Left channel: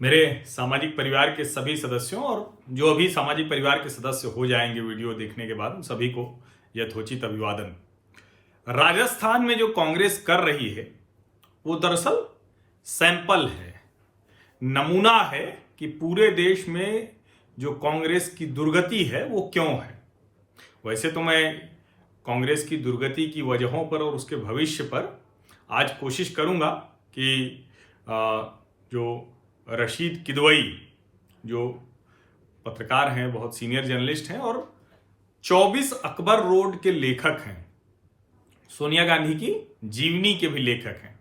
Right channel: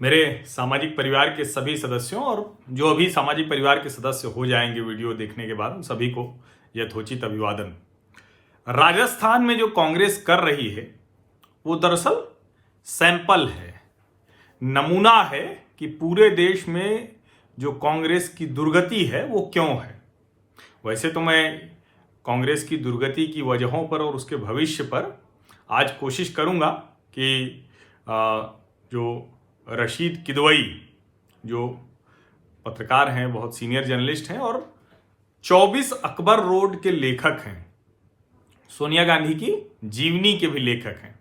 मेरे सामाजिक परिवार के सभी सदस्यों और जो अभी सामाजिक परिवार के सदस्य हो जाएंगे वीडियो देखने के बाद, उन सभी को यथोचित अभिवादन। राजस्थान में जो कांग्रेस कर रही है वो दरअसल सैंपल है, नमूना है कि पूरे देश में जो कांग्रेस की दुर्गति है वो क्यों है। वैसे तो मैं कांग्रेस की दुर्गति की वजहों पर और उसके भविष्य पर आज कोशिश करूंगा कि जो रशीद किदवई जो पत्रकार हैं, बहुत सीनियर जर्नलिस्ट हैं और 24 अकबर रोड के लेखक हैं, सोनिया गांधी की जीवनी के भी लेखक हैं,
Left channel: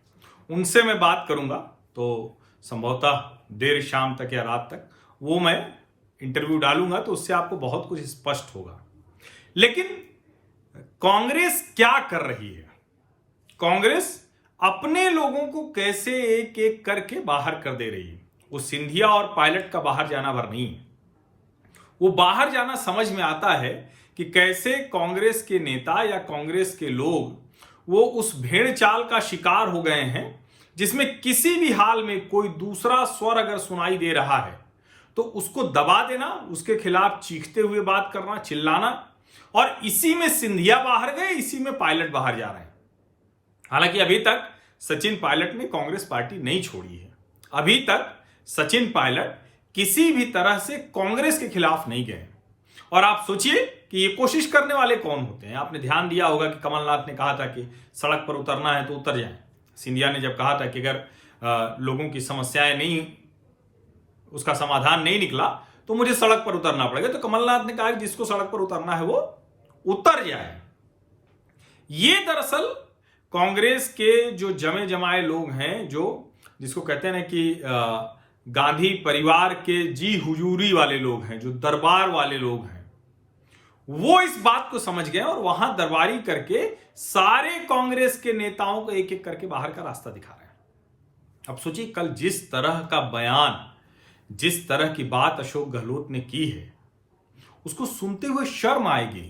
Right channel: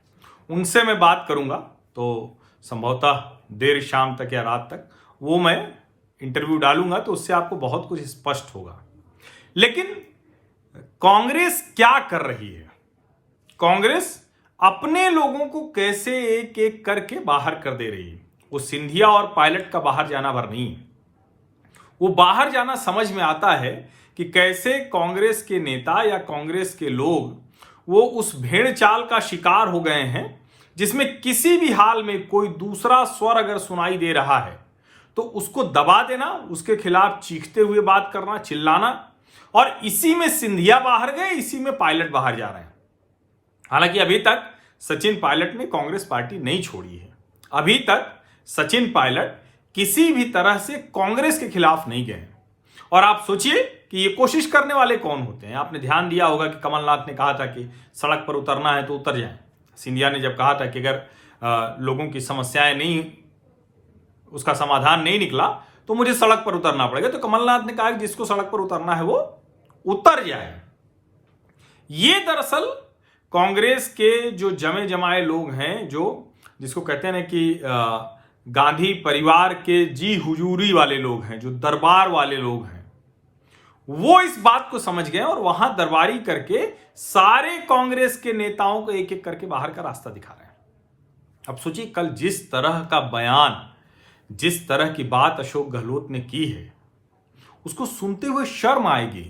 उनसे मैं बात करूंगा। तो संभवतः देर शाम तक या रात तक वो मैं इंटरव्यू डालूंगा, तो उससे आपको बहुत कुछ स्पष्ट होगा। लेकिन कांग्रेस क्या कर रही है? कांग्रेस अपने लोगों को कैसे एक एक करके बाहर कर दे रही है। वो सिंधिया और पायलट का बाहर जाना भर नहीं है, वो बाहर जाना समझ में आता है कि कैसे कांग्रेस के नेता या कांग्रेस के लोग वो उस भेड़ चाल का शिकार हो गए हैं जिसमें किसी भी हाल में कोई दूसरा स्वर अगर सुनाई दे रहा है तो उसको दबा देना, उसके खिलाफ चीखते हुए बात करना, चिल्लाना। और इसी में सिंधिया बाहर गए, इसी में पायलट बाहर जा रहे हैं। हालांकि अभी तक सचिन पायलट ने कांग्रेस पार्टी नहीं छोड़ी है, अभी तक सचिन पायलट किसी भी तरह से कांग्रेस के खिलाफ नहीं गए। और आप सोचिए कि ये कोशिश करने वाले कौन होते हैं। आपने ध्यान दिया होगा कि कमलनाथ ने कहा था कि सड़क पर उतरना है तो उतर जाएं। सिंधिया ने जब कहा था कि अगर लोगों की समस्याएं नहीं, उसका समाधान नहीं निकला तो मुझे सड़क पर उतरना पड़ेगा, तो कमलनाथ ने कहा कि जिसको सड़क पर उतरना है वो उतर जाए। ये दरअसल कांग्रेस के जो जमे जमाए लोग हैं, जो जिसको कहते हैं ना कि गांधी परिवार के जी हुजूरी वाले लोग हैं, जो दरबार वाले लोग हैं, वो इस बात को समझ गए और वहां दरबारी करके सारे कांग्रेस के नेताओं को एक एक करके बाहर का रास्ता दिखा रहे हैं। अब सोचिए, कल जिस तरह का बयान, जिस तरह की बात अशोक गहलोत ने की है, उसको सुनते हुए शर्म आएगी।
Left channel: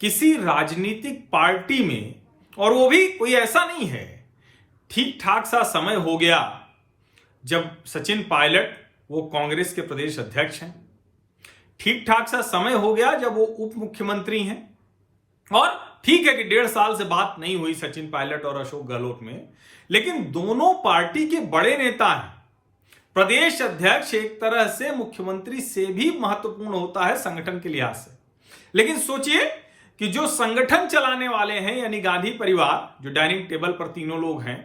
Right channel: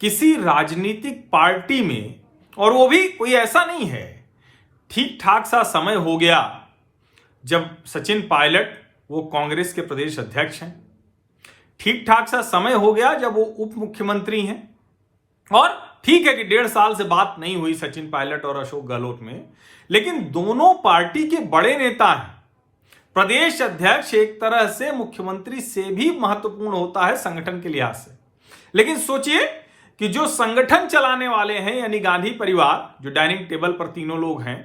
किसी राजनीतिक पार्टी में, और वो भी कोई ऐसा नहीं है, ठीक ठाक सा समय हो गया जब सचिन पायलट वो कांग्रेस के प्रदेश अध्यक्ष हैं, ठीक ठाक सा समय हो गया जब वो उप मुख्यमंत्री हैं, और ठीक है कि 1.5 साल से बात नहीं हुई सचिन पायलट और अशोक गहलोत में, लेकिन दोनों पार्टी के बड़े नेता हैं। प्रदेश अध्यक्ष एक तरह से मुख्यमंत्री से भी महत्वपूर्ण होता है संगठन के लिहाज से। लेकिन सोचिए कि जो संगठन चलाने वाले हैं, यानी गांधी परिवार, जो डाइनिंग टेबल पर तीनों लोग हैं,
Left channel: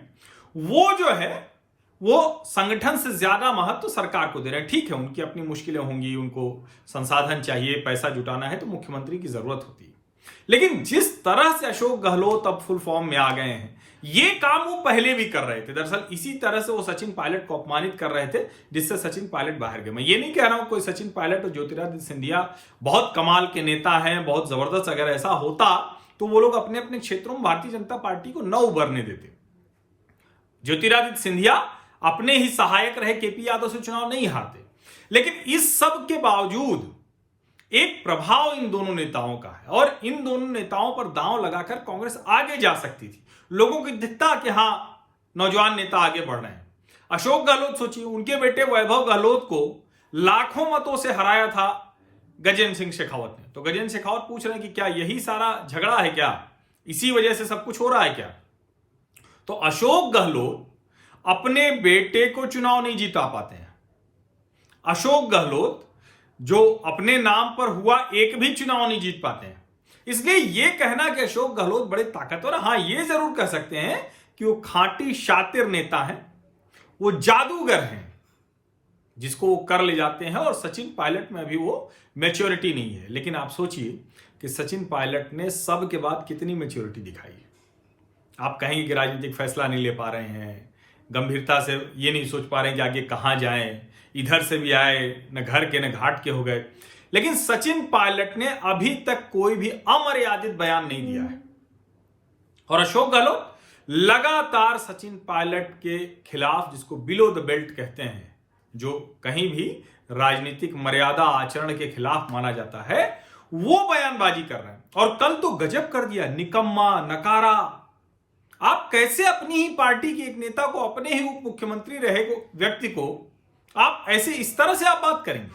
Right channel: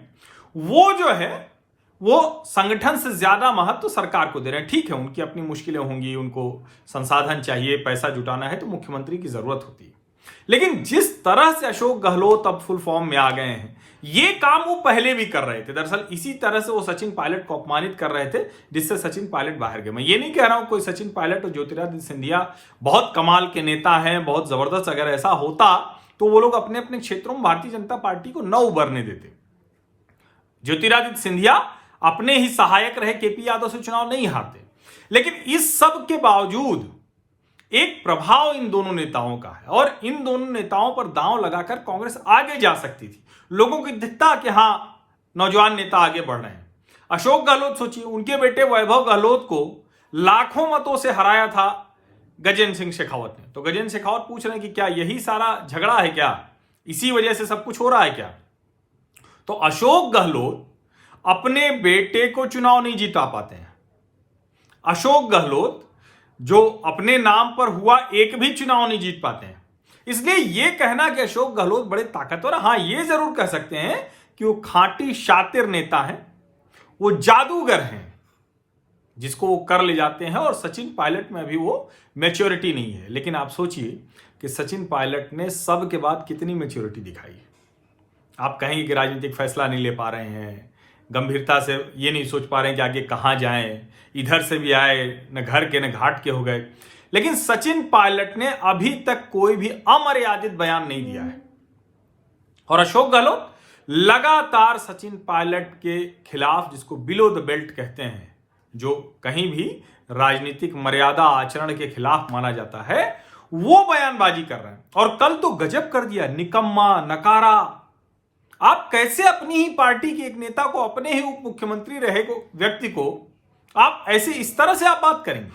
वो जो है वो संगठन से ज्यादा महत्व सरकार को दे रहे हैं। ठीक है, उनकी अपनी मुश्किलें होंगी, उनको संसाधन चाहिए, पैसा जुटाना है, तो मुख्यमंत्री की जरूरत होती है। लेकिन जिस तरह से अशोक गहलोत अब फुल फॉर्म में आ गए हैं, ये काम वो पहले भी कर रहे थे। दरअसल इसी तरह से वो सचिन पायलट को अपमानित कर रहे थे, जिससे सचिन पायलट बाहर गए। मैं ये नहीं कह रहा हूं कोई सचिन पायलट और ज्योतिरादित्य सिंधिया बहुत कमाल के नेता हैं, बहुत जबरदस्त। अगर ऐसा होता तो वो लोग अपने अपने क्षेत्रों में भारतीय जनता पार्टी को न उभरने देते। ज्योतिरादित्य सिंधिया अपने ही सहायक रहे, केपी यादव से चुनाव नहीं हारते। लेकिन इस सब के बावजूद एक प्रभाव इन दोनों नेताओं का है, और इन दोनों नेताओं पर दांव लगाकर कांग्रेस आगे जा सकती थी। लोगों को दिखता कि हां, नौजवान नेता आगे बढ़ रहे हैं। अशोक गहलोत सोचिए, उनके बेटे वैभव गहलोत को लाखों मतों से हराया था गजेंद्र सिंह शेखावत ने। तो गजेंद्र शेखावत पूछ रहे हैं कि क्या यही सारा झगड़ा है, क्या इसी वजह से सब कुछ हो रहा है क्या? तो अशोक गहलोत अपने बेटे को चुनाव नहीं जिता पाते हैं। अशोक गहलोत जो अपने नाम पर हुआ एक भी चुनाव नहीं जीत पाते हैं। इसलिए यह कहना कि अशोक गहलोत बड़े ताकतवर, हां यह जरूर कह सकते हैं कि वो खाटी शातिर नेता हैं, वो जादूगर हैं, जिसको वो कर ले जाते हैं। और सचिन पायलट में भी वो मैच्योरिटी नहीं है। लेकिन आप सोचिए कि सचिन पायलट ने सब के बाद कितनी मैच्योरिटी दिखाई है। आप कहेंगे कि राजनीतिक फैसला नहीं ले पा रहे हैं, गंभीरता से ये नहीं सोच पा रहे हैं कि आगे कहां जाएं, इधर से भी आए, न घर के न घाट के हो गए। लेकिन सचिन पायलट ने अभी तक कोई भी अमर्यादित बयान नहीं दिया है, और अशोक गहलोत लगातार सचिन पायलट के खिलाफ, जिसको बिलो द बेल्ट कहते हैं, जो कहीं भी राजनीतिक मर्यादा आचरण के खिलाफ माना जाता है, वो बयानबाजी कर रहे हैं। और कल तो गजब कर दिया, निकम्मा, नकारा। आप कैसे अपनी ही पार्टी के एक नेता को, अपने ही उप मुख्यमंत्री रहे व्यक्ति को आप ऐसे इस तरह से आप बात करेंगे,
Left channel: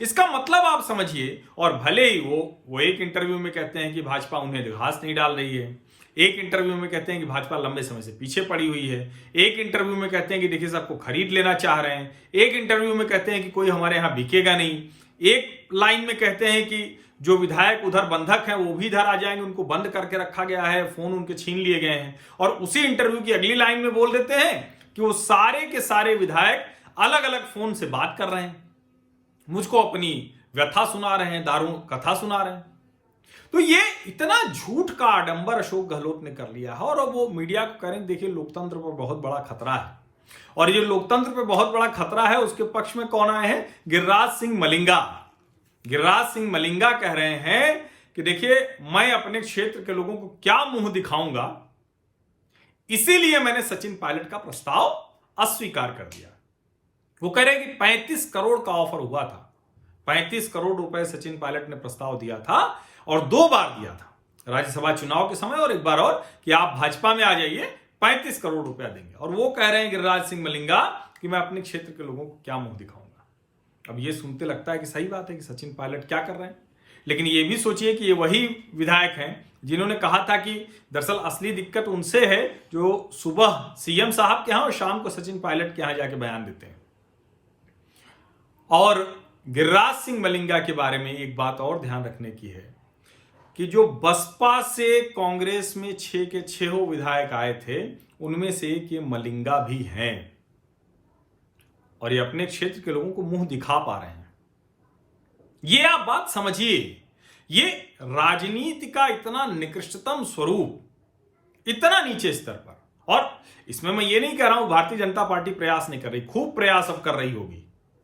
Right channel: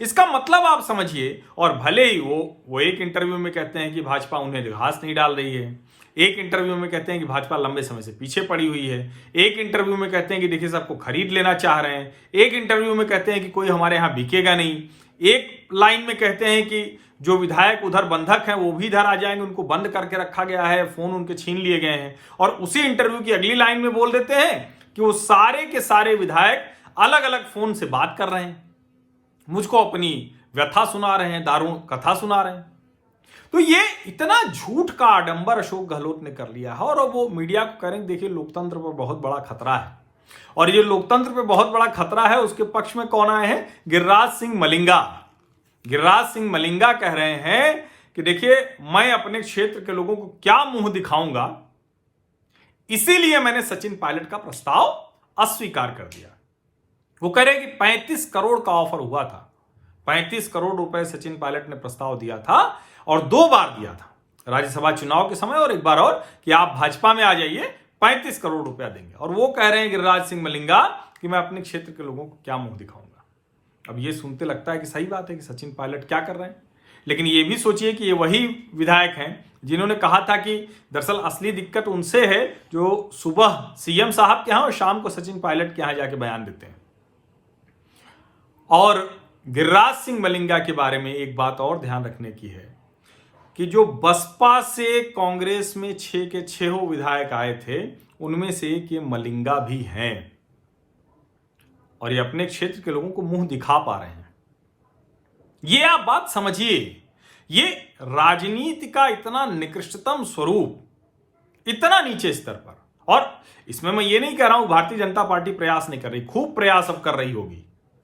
इसका मतलब आप समझिए। और भले ही वो एक इंटरव्यू में कहते हैं कि भाजपा उन्हें घास नहीं डाल रही है, एक इंटरव्यू में कहते हैं कि भाजपा लंबे समय से पीछे पड़ी हुई है, एक इंटरव्यू में कहते हैं कि देखिए सबको खरीद लेना चाह रहे हैं, एक इंटरव्यू में कहते हैं कि कोई हमारे यहां बिकेगा नहीं, एक लाइन में कहते हैं कि जो विधायक उधर बंधक हैं वो भी इधर आ जाएंगे, उनको बंद करके रखा गया है, फोन उनके छीन लिए गए हैं। और उसी इंटरव्यू की अगली लाइन में बोल देते हैं कि वो सारे के सारे विधायक अलग अलग फोन से बात कर रहे हैं, मुझको अपनी व्यथा सुना रहे हैं, दारू कथा सुना रहे हैं। तो ये इतना झूठ का आडंबर अशोक गहलोत ने कर लिया है। और अब वो मीडिया को करें, देखिए लोकतंत्र पर बहुत बड़ा खतरा है, और ये लोकतंत्र पे बहुत बड़ा खतरा है, उसके पक्ष में कौन आए हैं? गिरिराज सिंह मलिंगा। गिरिराज सिंह मलिंगा कह रहे हैं कि देखिए मैं अपने क्षेत्र के लोगों को क्या मुंह दिखाऊंगा, इसीलिए मैंने सचिन पायलट का प्रस्ताव अस्वीकार कर दिया। वो कह रहे कि 35 करोड़ का ऑफर हुआ था, 35 करोड़ रुपए सचिन पायलट ने प्रस्ताव दिया था, और 2 बार दिया था, राज्यसभा चुनाव के समय और एक बार और, कि आप भाजपा में आ जाइए 35 करोड़ रुपया देंगे। और वो कह रहे हैं गिरिराज सिंह मलिंगा कि मैं अपने क्षेत्र के लोगों को क्या मुंह दिखाऊंगा। अब ये सुनते लगता है कि सही बात है कि सचिन पायलट क्या कर रहे हैं, लेकिन ये भी सोचिए कि ये वही विधायक हैं जिन्होंने कहा था कि दरअसल असली दिक्कत उनसे है जो सुबह सीएम साहब के यहां और शाम को सचिन पायलट के यहां जाके बयान देते हैं। और गिरिराज सिंह मलिंगा के बारे में एक बात और ध्यान रखने की है कि जो बसपा से कांग्रेस में 6 के 6 विधायक आए थे, उनमें से एक ये मलिंगा भी हैं, और ये अपने क्षेत्र के लोगों को मुंह दिखा पा रहे हैं। ये आप बात समझिए, ये राजनीति का इतना निकृष्टतम स्वरूप, इतना नीचे स्तर पर। और इसमें मैं ये नहीं कह रहा हूं भारतीय जनता पार्टी प्रयास नहीं कर रही, खूब प्रयास अब कर रही होगी,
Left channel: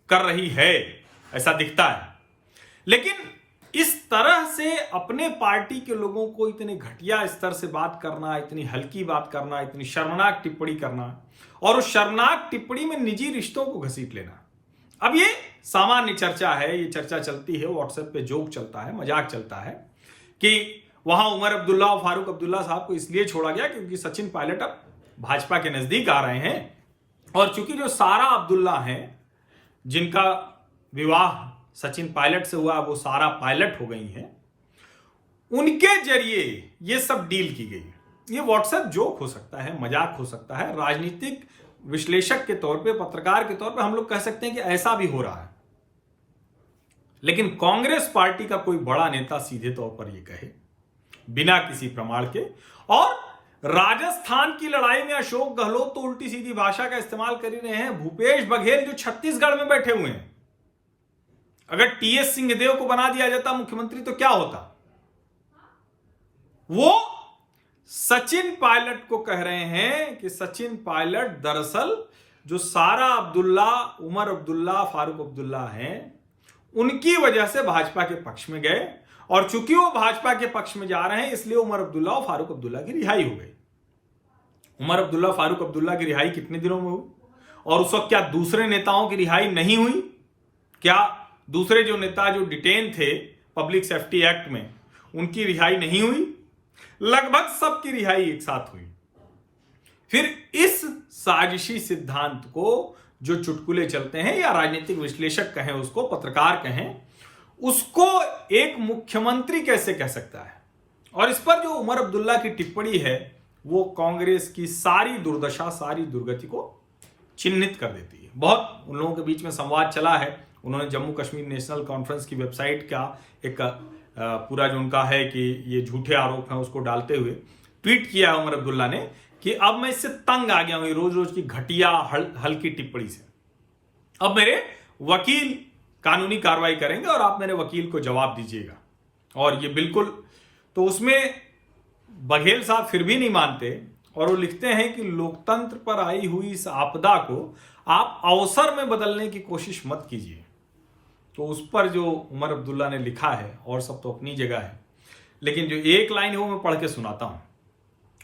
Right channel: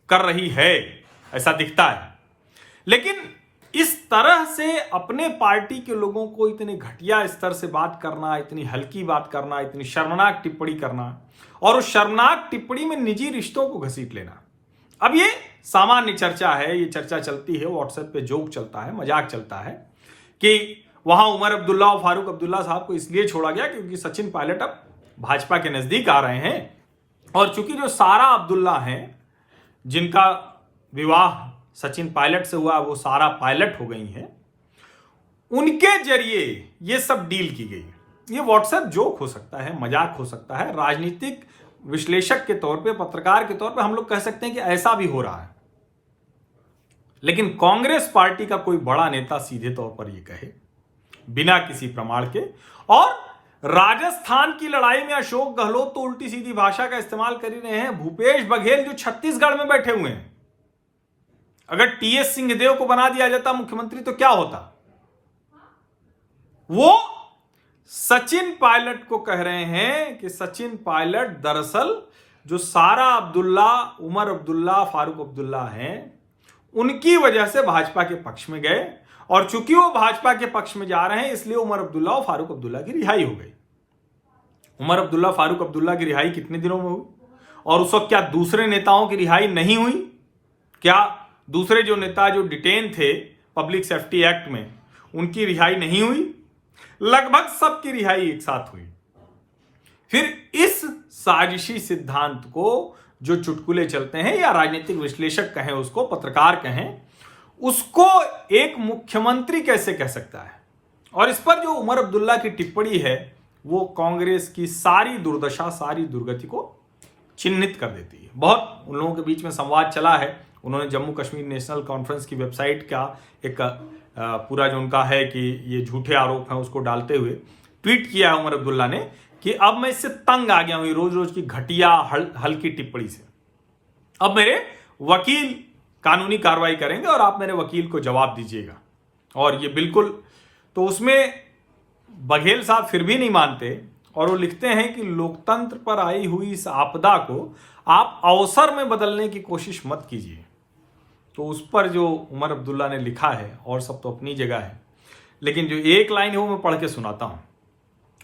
कर रही है, ऐसा दिखता है, लेकिन इस तरह से अपने पार्टी के लोगों को इतने घटिया स्तर से बात करना, इतनी हल्की बात करना, इतनी शर्मनाक टिप्पणी करना, और उस शर्मनाक टिप्पणी में निजी रिश्तों को घसीट लेना। अब ये सामान्य चर्चा है, ये चर्चा चलती है, व्हाट्सएप पे जोक चलता है, मजाक चलता है कि वहां उमर अब्दुल्ला और फारूक अब्दुल्ला साहब को इसलिए छोड़ा गया क्योंकि सचिन पायलट अब भाजपा के नजदीक आ रहे हैं, और चूंकि जो सारा अब्दुल्ला हैं जिनका विवाह सचिन पायलट से हुआ, वो सारा पायलट हो गई हैं, उनके जरिए ये सब डील की गई। ये व्हाट्सएप जोक हो सकता है, मजाक हो सकता है, राजनीतिक विश्लेषक के तौर पे, पत्रकार के तौर पे हम लोग कह सकते हैं कि ऐसा भी हो रहा है, लेकिन कांग्रेस पार्टी का कोई बड़ा नेता सीधे तौर पर यह कहे बिना किसी प्रमाण के। और राजस्थान की लड़ाई में अशोक गहलोत तो उल्टी सीधी भाषा का इस्तेमाल कर ही रहे हैं। भूपेश बघेल जो छत्तीसगढ़ में बैठे हुए हैं, अगर टीएस सिंहदेव को बना दिया जाता मुख्यमंत्री तो क्या होता? वो सचिन पायलट को कह रहे हैं कि सचिन पायलट दरअसल जो सारा अब्दुल्ला, उमर अब्दुल्ला, फारूक अब्दुल्ला हैं, उनकी वजह से भाजपा के पक्ष में गए, और चूंकि वो भाजपा के पक्ष में जा रहे हैं इसलिए उमर अब्दुल्ला और फारूक अब्दुल्ला की रिहाई हो गई। उमर अब्दुल्ला, फारूक अब्दुल्ला की रिहाई कितने दिनों में हुई? और उस वक्त क्या दूसरे नेताओं की रिहाई नहीं हुई? क्या दूसरे जो नेता जो डिटेन थे पब्लिक सेफ्टी एक्ट में, उनकी रिहाई नहीं हुई? लगभग सबकी रिहाई एक साथ हुई। फिर इस साजिशी सिद्धांत को जो चुटकुले चलते हैं, या राजनीतिक विश्लेषक कहें उसको, पत्रकार कहें उसको, एक मुख्यमंत्री कैसे कह सकता है? और इस पर जो उमर अब्दुल्ला की टिप्पणी है वो कांग्रेस की सारी दुर्दशा, सारी दुर्गति को चिन्हित कर देती है। बहुत उन लोगों के बीच में संवाद चला है, उन्होंने जम्मू कश्मीर नेशनल कॉन्फ्रेंस की वेबसाइट का एक पूरा जो उनका है कि ये झूठे आरोप हैं उसको डालते हुए ट्वीट किया है उमर अब्दुल्ला ने कि अब मैं इससे तंग आ गया हूं रोज रोज की घटिया हल्की टिप्पणी से। अब मेरे वकील कानूनी कार्रवाई करेंगे और आप मेरे वकील को जवाब दीजिएगा। और ये बिल्कुल, तो उसमें बघेल साहब फिर भी नहीं मानते और वो लिखते हैं कि लोकतंत्र पर आई हुई इस आपदा को आप अवसर में बदलने की कोशिश मत कीजिए। तो उस पर जो उमर अब्दुल्ला ने लिखा है, और सब तो अपनी जगह है, लेकिन जो एक लाइन है वो मैं पढ़ के सुनाता हूं।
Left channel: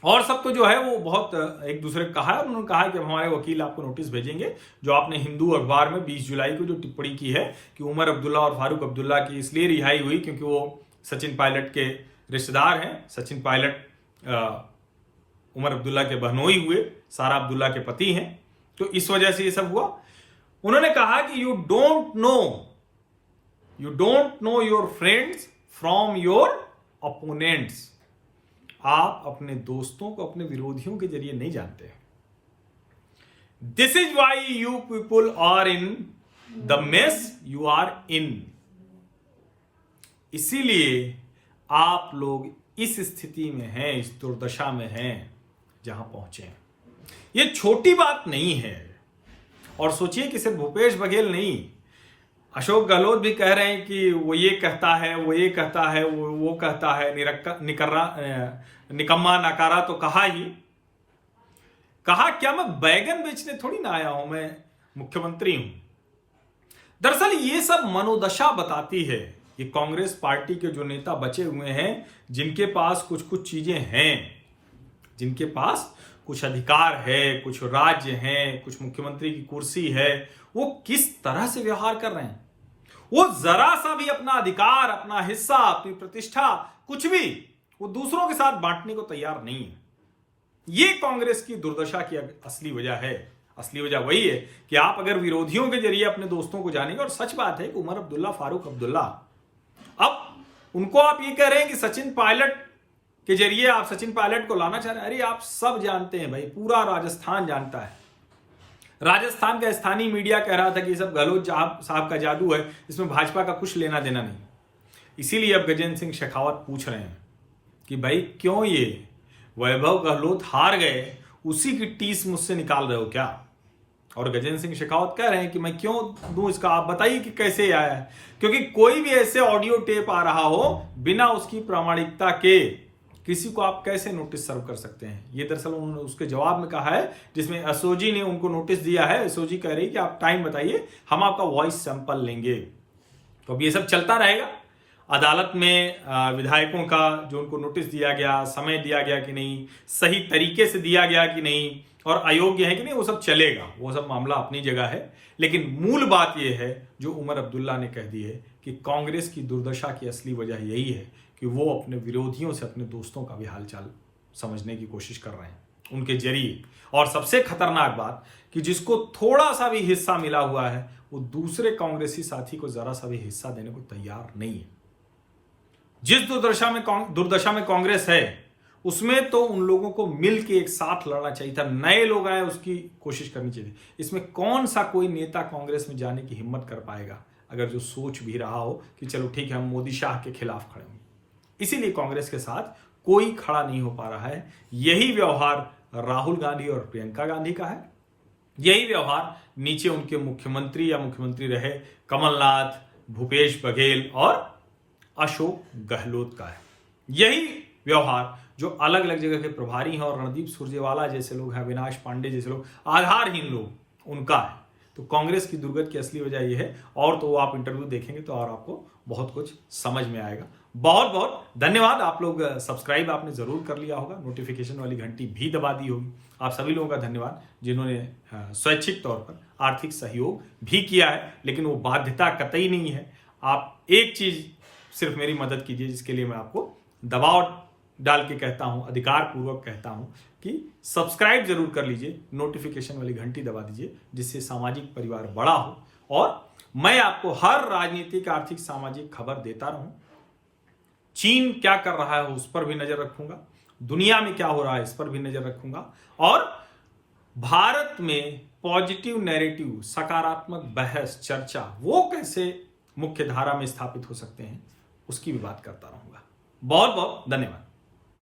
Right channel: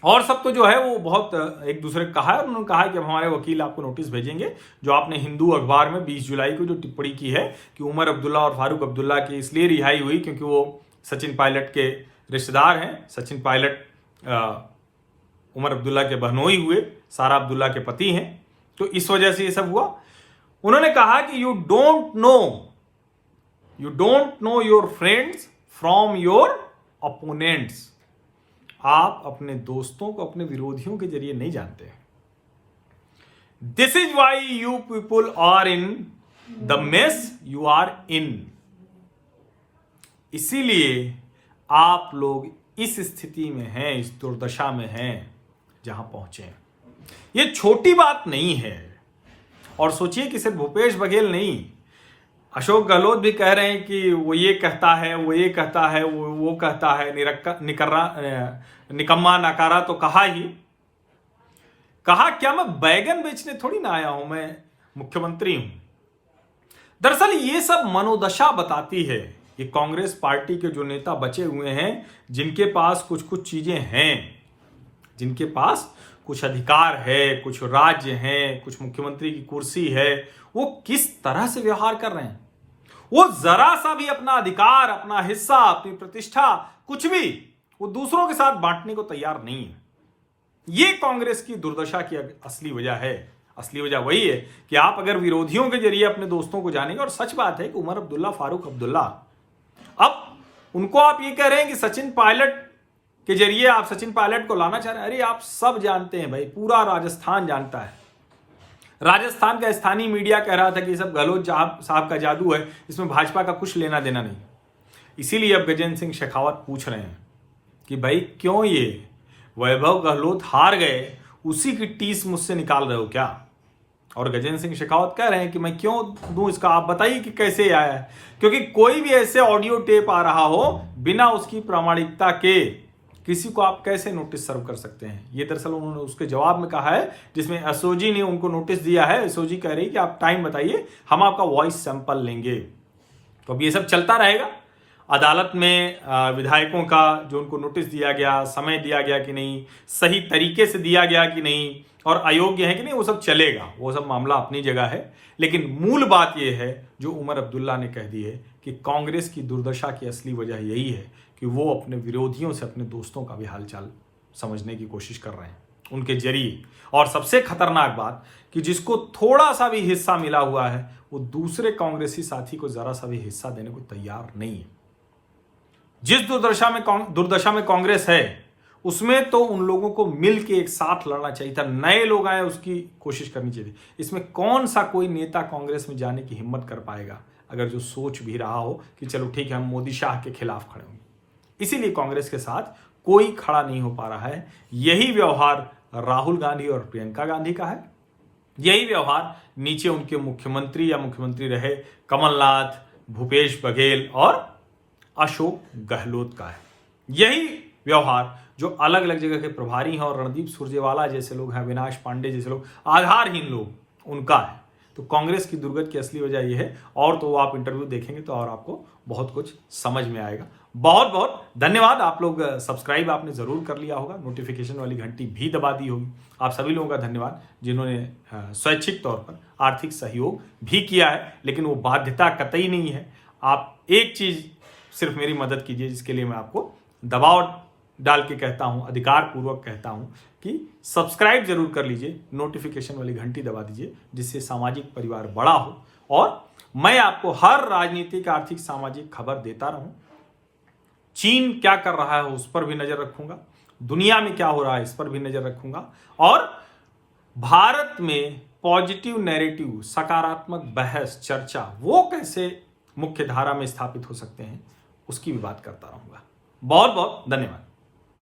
और सब तो जो है वो बहुत एक दूसरे को कहा है। उन्होंने कहा कि अब हमारे वकील आपको नोटिस भेजेंगे, जो आपने हिंदू अखबार में 20 जुलाई को जो टिप्पणी की है कि उमर अब्दुल्ला और फारूक अब्दुल्ला की इसलिए रिहाई हुई क्योंकि वो सचिन पायलट के रिश्तेदार हैं। सचिन पायलट उमर अब्दुल्ला के बहनोई हुए, सारा अब्दुल्ला के पति हैं, तो इस वजह से ये सब हुआ। उन्होंने कहा कि you don't know your friends from your opponents. आप अपने दोस्तों को अपने विरोधियों के जरिए नहीं जानते। This is why you people are in the mess you are in. इसीलिए आप लोग इस स्थिति में हैं, इस दुर्दशा में हैं जहां पहुंचे। ये छोटी बात नहीं है। और सोचिए कि सिर्फ भूपेश बघेल नहीं, अशोक गहलोत भी कह रहे हैं कि वो ये कहता है, वो ये कहता है, वो कहता है, निकम्मा नकारा तो कहा ही। कहा क्या मैं बैगन बेचने थोड़ी ना आया हूं, मैं मुख्यमंत्री हूं। दरअसल ये सब मनोदशा बताती है कि कांग्रेस पार्टी के जो नेता बचे हुए हैं, जिनके पास कुछ कुछ चीजें हैं, जिनके पास कुछ अधिकार है, कुछ राज्य हैं, कुछ मुख्यमंत्री की कुर्सी है, वो किस तरह से व्यवहार कर रहे हैं। वो जरा सा भी अपना अधिकार, अपना हिस्सा, अपनी प्रतिष्ठा, कुछ भी वो दूसरों के साथ बांटने को तैयार नहीं है। ये कांग्रेस की दुर्दशा की असली वजह है। असली वजह वही है कि आप अगर विरोधियों के जरिए अपने दोस्तों को जानेंगे, और सच बात है कि उमर अब्दुल्ला, फारूक अब्दुल्ला, अब उनको आप ये कह रहे हैं कि सचिन पायलट के जरिए आप सचिन पायलट को लाना चाह रहे हैं। अरे आप सब जानते हैं भाई, पूरा राजस्थान जानता है। राजस्थान का स्थानीय मीडिया कह रहा था कि सब गहलोत साहब का जादू है, इसमें भाजपा का कुछ लेना देना नहीं। इसीलिए अब गजेंद्र सिंह शेखावत पूछ रहे हैं कि भाई क्यों ये वैभव गहलोत हार गए, उसी की टीस मुझसे निकाल रहे हो क्या। और गजेंद्र सिंह शेखावत कह रहे हैं कि मैं क्यों दूं इसका, आप बताइए कि कैसे आया है। क्योंकि कोई भी ऐसे ऑडियो टेप आ रहा हो बिना उसकी प्रामाणिकता के, किसी को आप कैसे नोटिस सर्व कर सकते हैं। ये दरअसल उन्होंने उसके जवाब में कहा है, जिसमें एसओजी ने उनको नोटिस दिया है। एसओजी कह रही है कि आप टाइम बताइए, हम आपका वॉइस सैंपल लेंगे। तो अब ये सब चलता रहेगा। अदालत में विधायकों का जो उनको नोटिस दिया गया, समय दिया गया कि नहीं, सही तरीके से दिया गया कि नहीं, और अयोग्य है कि नहीं, वो सब चलेगा। वो सब मामला अपनी जगह है। लेकिन मूल बात यह है जो उमर अब्दुल्ला ने कह दी है कि कांग्रेस की दुर्दशा की असली वजह यही है कि वो अपने विरोधियों से अपने दोस्तों का भी हालचाल समझने की कोशिश कर रहे हैं उनके जरिए। और सबसे खतरनाक बात कि जिसको थोड़ा सा भी हिस्सा मिला हुआ है, वो दूसरे कांग्रेसी साथी को जरा सा भी हिस्सा देने को तैयार नहीं है। जिस दुर्दशा में कांग्रेस है, उसमें तो उन लोगों को मिल के एक साथ लड़ना चाहिए था। नए लोग आए, उसकी कोशिश करनी चाहिए। इसमें कौन सा कोई नेता कांग्रेस में जाने की हिम्मत कर पाएगा, अगर जो सोच भी रहा हो कि चलो ठीक है हम मोदी शाह के खिलाफ खड़े होंगे। इसीलिए कांग्रेस के साथ कोई खड़ा नहीं हो पा रहा है। यही व्यवहार राहुल गांधी और प्रियंका गांधी का है। यही व्यवहार नीचे उनके मुख्यमंत्री या मुख्यमंत्री रहे कमलनाथ, भूपेश बघेल और अशोक गहलोत का है। यही व्यवहार जो अलग अलग जगह के प्रभारी हैं और रणदीप सुरजेवाला जैसे लोग हैं, अविनाश पांडे जैसे लोग, आधारहीन लोग, उनका है। तो कांग्रेस की दुर्गति की असली वजह यह है। और तो आप इंटरव्यू देखेंगे तो और आपको बहुत कुछ समझ में आएगा। बहुत बहुत धन्यवाद। आप लोग सब्सक्राइब आपने जरूर कर लिया होगा, नोटिफिकेशन वाली घंटी भी दबा दी होगी। आप सभी लोगों का धन्यवाद जिन्होंने स्वैच्छिक तौर पर आर्थिक सहयोग भी किया है, लेकिन वो बाध्यता कतई नहीं है। आप एक चीज सिर्फ मेरी मदद कीजिए, जिसके लिए मैं आपको दबाव डाल के कहता हूं, अधिकार पूर्वक कहता हूं कि सब्सक्राइब जरूर कर लीजिए, नोटिफिकेशन वाली घंटी दबा दीजिए, जिससे सामाजिक परिवार बड़ा हो और मैं आपको हर राजनीतिक, आर्थिक, सामाजिक खबर देता रहूं। चीन क्या कर रहा है उस पर भी नजर रखूंगा, दुनिया में क्या हो रहा है इस पर भी नजर रखूंगा, और भारत में पॉजिटिव नैरेटिव, सकारात्मक बहस, चर्चा, वो कैसे मुख्य धारा में स्थापित हो सकते हैं, उसकी भी बात करता रहूंगा। बहुत बहुत धन्यवाद।